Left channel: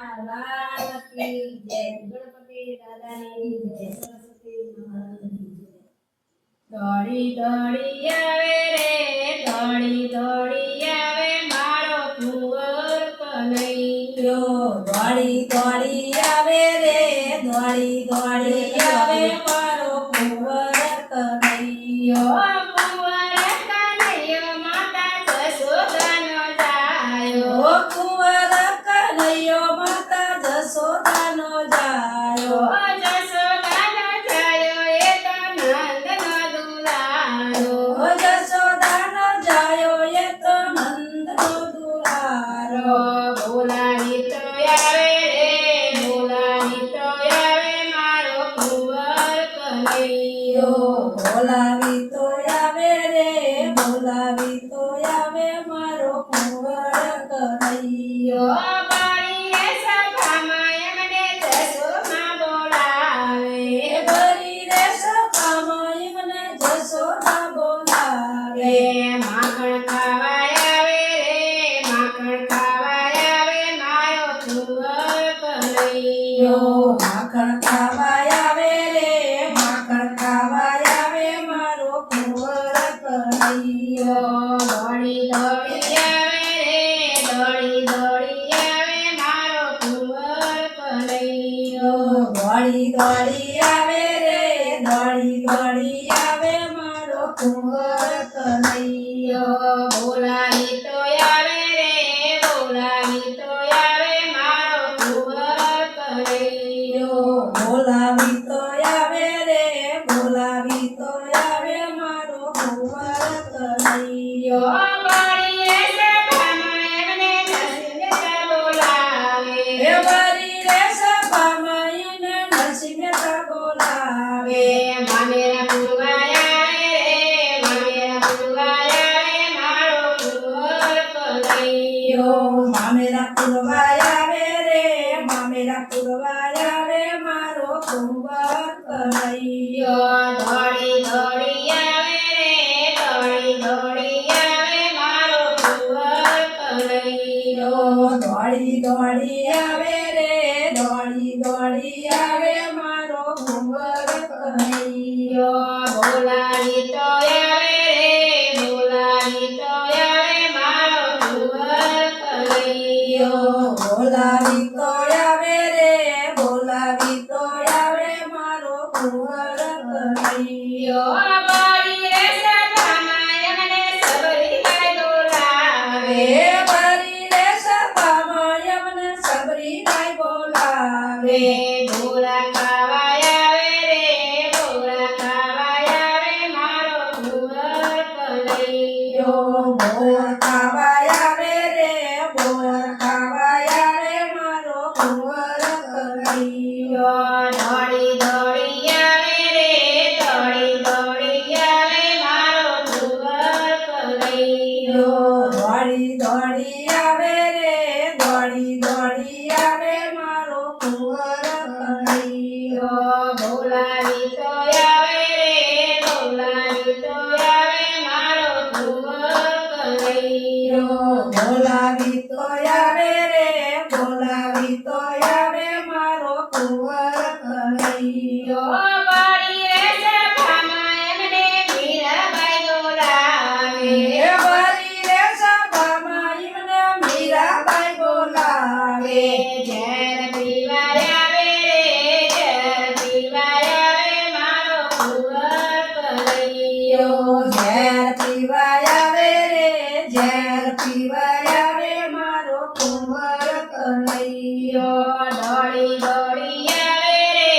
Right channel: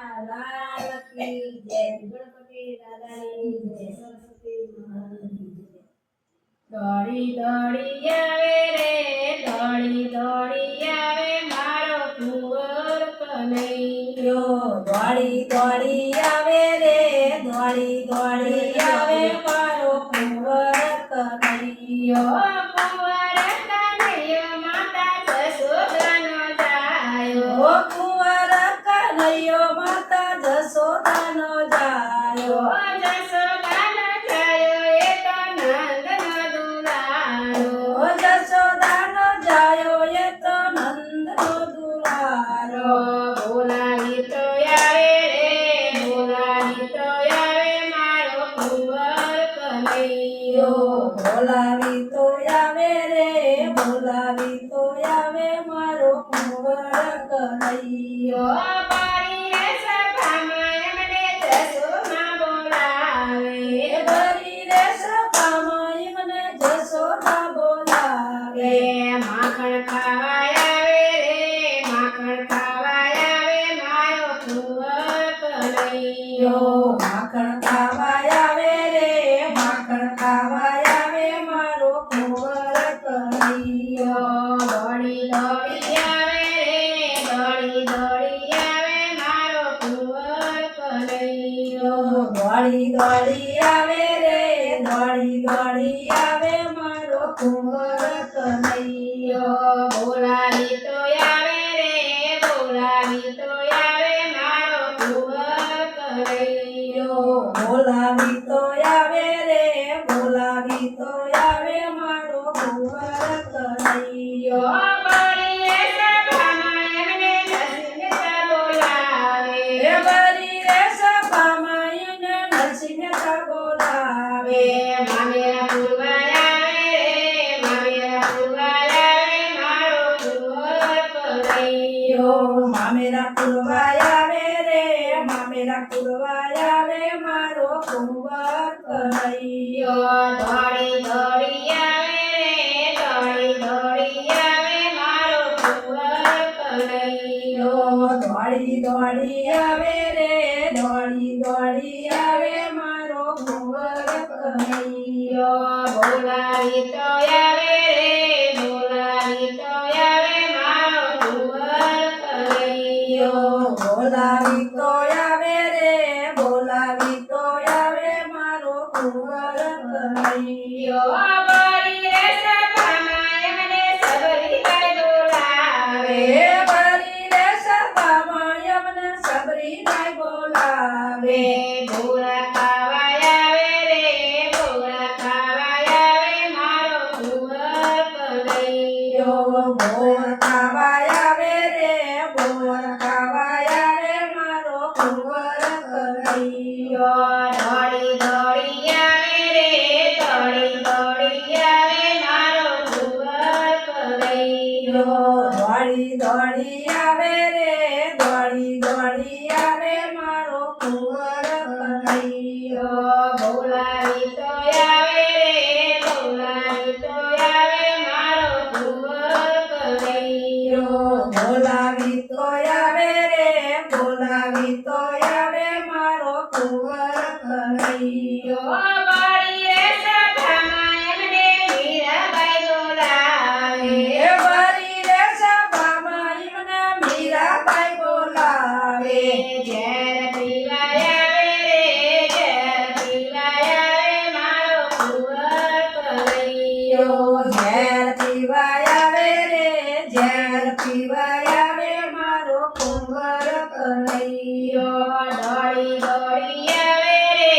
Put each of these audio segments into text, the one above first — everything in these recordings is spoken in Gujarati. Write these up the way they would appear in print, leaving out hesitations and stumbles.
લાલ કી જય. ગણપતિ દાદાની જય. સરસ્વતી માતાની જય. દોડી દોડી આવે રે, દોડી દોડી આવે મારો કુંવર કનૈયો. દોડી દોડી આવે રે, દોડી દોડી આવે મારો કુંવર કનૈયો. કુંવર કનૈયો માતા જશોદાનો જાયો. ઓ કુંવર કનૈયો માતા જશોદાનો જાયો. જશોદાનો જાયો એ તો નંદનો દુલારો. ઓ જશોદાનો જાયો એ તો નંદનો દુલારો. બોલાવી તો આવે રે, બોલાવી તો આવે મારો કુંવર કનૈયો. બોલાવી તો આવે રે, બોલાવી તો આવે મારો કુંવર કનૈયો. બારી રે સભામાં એમને જશોમાં બોલાવે. ભરી રે સભામાં એમને જશોદા બોલાવે. માખણ ખાવા આવે રે, માખણ ખાવા આવે મારો કુંવર કનૈયો. માખણ ખાવા આવે રે, માખણ ખાવા આવે મારો કુંવર કનૈયો. દોડી દોડી આવે રે, દોડી દોડી આવે મારો કુંવર કનૈયો. દોડી દોડી આવે રે, દોડી દોડી આવે મારો કુંવર કનૈયો. બોલાવી તો આવે રે, બોલાવી તો આવે મારો કુંવર કનૈયો. બોલાવી તો આવે રે, બોલાવી તો આવે મારો કુંવર કનૈયો. બારી રે સભામાં એમને નરસિંહ બોલાવે. એ ભરી રે સભામાં એને નરસિંહ બોલાવે. મામેરા પૂરવા આવે રે, મામેરા પૂરવા આવે મારો કુંવર કનૈયો. મામેરા પુરવા આવે રે, મામેરા પુરવા આવે મારો કુંવર કનૈયો. દોડી દોડી આવે રે, દોડી દોડી આવે મારો કુંવર કનૈયો. દોડી દોડી આવે રે, દોડી દોડી આવે મારો કુંવર કનૈયો. બોલાવી તો આવે રે, બોલાવી તો આવે મારો કુંવર કનૈયો. બોલાવી તો આવે રે, બોલાવી તો આવે મારો કુંવર કનૈયો. બારી રે સભામાં એમને સબરીબાઈ બોલાવે. ભરી રે સભામાં એમને સબરીબાઈ બોલાવે. ઢોરા ખાવા આવે રે, ઢોરા ખાવા આવે મારો કુંવર કનૈયો. બોર ખાવા આવે રે, બોર ખાવા આવે મારો કુંવર કનૈયો. દોડી દોડી આવે રે, દોડી દોડી આવે મારો કુંવર કનૈયો. દોડી દોડી આવે રે, દોડી દોડી આવે મારો કુંવર કનૈયો. બોલાવી તો આવે રે, બોલાવી તો આવે મારો કુંવર કનૈયો. બોલાવી તો આવે રે, બોલાવી તો આવે મારો કુંવર કનૈયો. બારી રે સભામાં એમને મીરાબાઈ બોલાવે. ભરી રે સભામાં એમને મીરાબાઈ બોલાવે. ઝેર પીવા આવે રે, ઝેર પીવા આવે મારો કુંવર કનૈયો. ઝેર પીવા આવે રે, ઝેર પીવા આવે મારો કુંવર કનૈયો. દોડી દોડી આવે રે,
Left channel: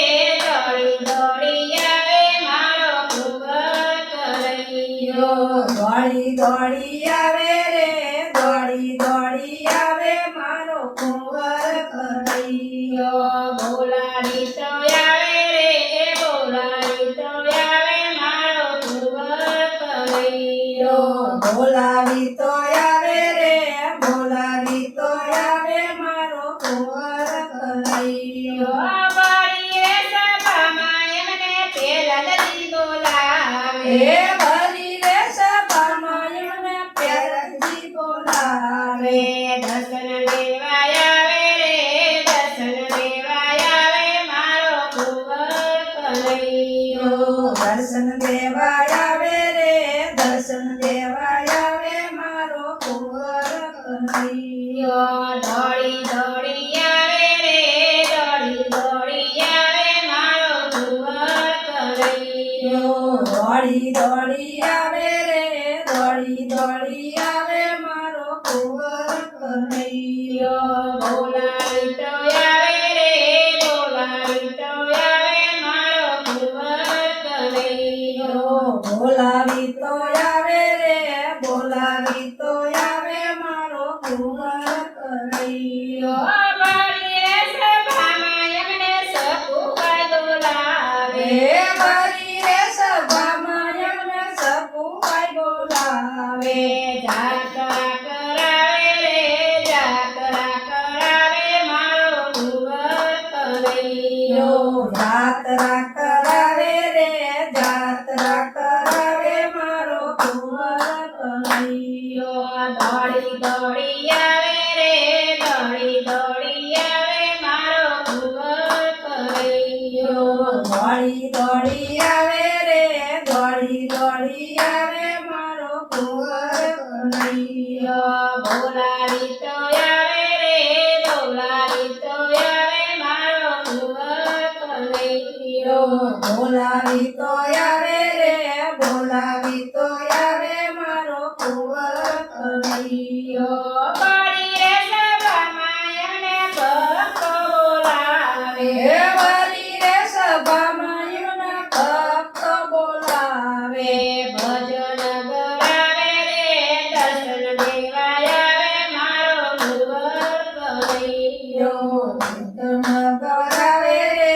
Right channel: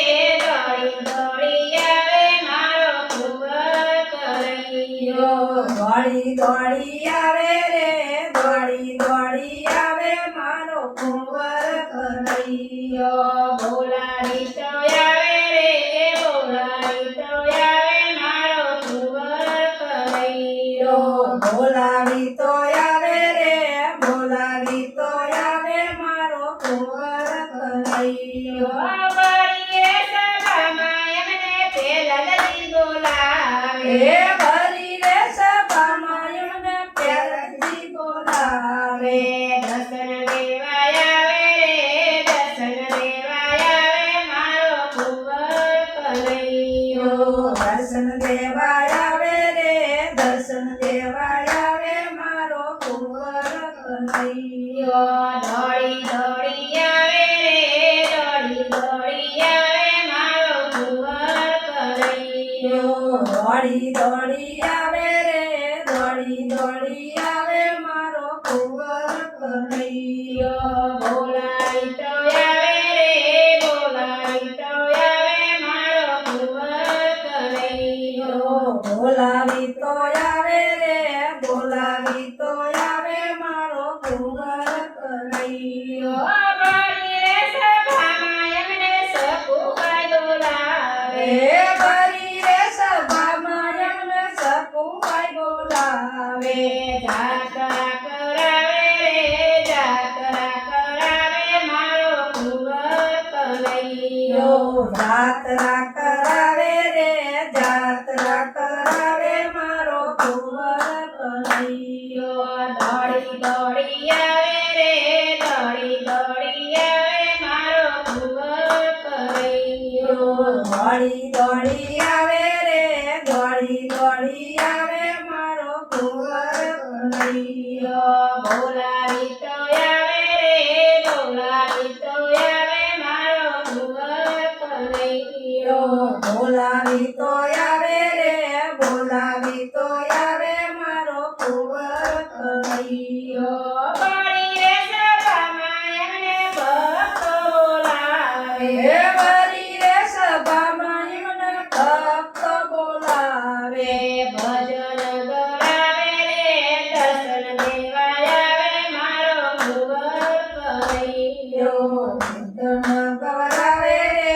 દોડી દોડી આવે મારો કુંવર કનૈયો. દોડી દોડી આવે રે, દોડી દોડી આવે મારો કુંવર કનૈયો. બોલાવી તો આવે રે, બોલાવી તો આવે મારો કુંવર કનૈયો. બોલાવી તો આવે રે, બોલાવી તો આવે મારો કુંવર કનૈયો. બારી રે સભામાં એમને પેલલજી બોલાવે. ભરી રે સભામાં એમને પેરજી બોલાવે. દર્શન દેવા આવે રે, દર્શન દેવા આવે રે દર્શન દેવા આવે મારો કુંવર કનૈયો દોડી દોડી આવે રે દોડી દોડી આવે મારો કુંવર કનૈયો દોડી દોડી આવે રે દોડી દોડી આવે મારો કુંવર કનૈયો બોલાવી તો આવે રે બોલાવી તો આવે મારો કુંવર કનૈયો બોલાવી તો આવે રે બોલાવી તો આવે મારો કુંવર કનૈયો ભરીએ સભામાં એમને સકુબાઈ બોલાવે ભરી રે સભામાં એમને સકુબાઈ બોલાવે જાત્રા કરાવે રે જાત્રા કરાવે મારો કુંવર કનૈયો જાત્રા કરાવે રે જાત્રા કરાવે મારો કુંવર કનૈયો દોડી દોડી આવે રે દોડી દોડી આવે મારો કુંવર કનૈયો દોડી દોડી આવે રે દોડી દોડી આવે મારો કુંવર કનૈયો બોલાવી તો આવે રે બોલાવી તો આવે મારો કુંવર કનૈયો બોલાવી તો આવે રે બોલાવી તો આવે મારો કુંવર કનૈયો પડી રે સભામાં એમને ભક્તો બોલાવે વરી રે સભામાં એમને ભક્ત બોલાવે ભજન ગરાવે રે દર્શન દેવા આવે મારો કુંવર કનૈયો દર્શન ગવરાવે રે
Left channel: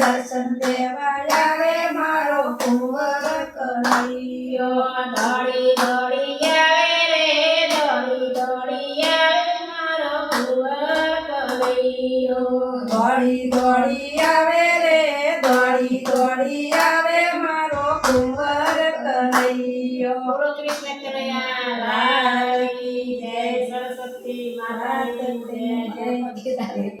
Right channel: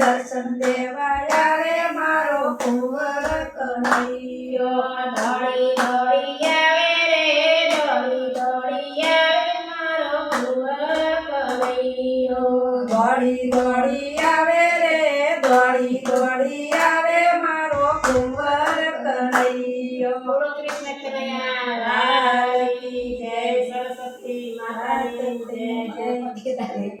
દર્શન દેવા આવે મારો કુંવર કનૈયો દોડી દોડી આવે રે દોડી દોડી આવે મારો કુંવર કનૈયો દોડી દોડી આવે રે દોડી દોડી આવે મારો કુંવર કનૈયો બોલો કૃષ્ણ કનૈયા લાલ કી જય સરસ્વતી માતા કી જય જય